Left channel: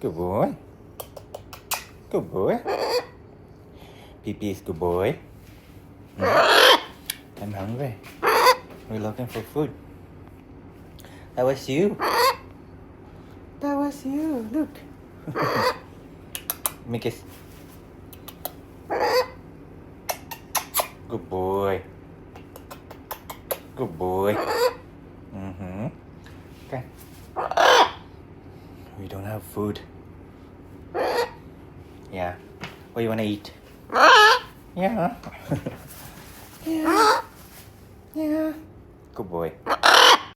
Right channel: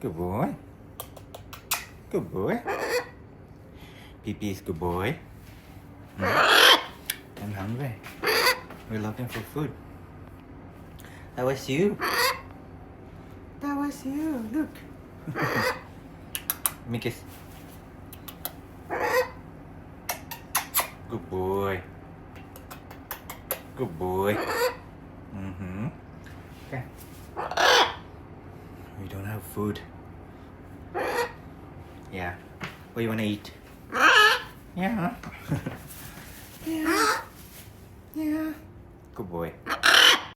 Good boy. Good boy. Pee-Pee's good boy. I'm hungry. We're looking for food. That was you. That was you. Look. Let me kiss. Good boy. Good boy. Okay. We don't have food. Yeah. What do you want to eat? Yeah. Yeah. Yeah. Good boy.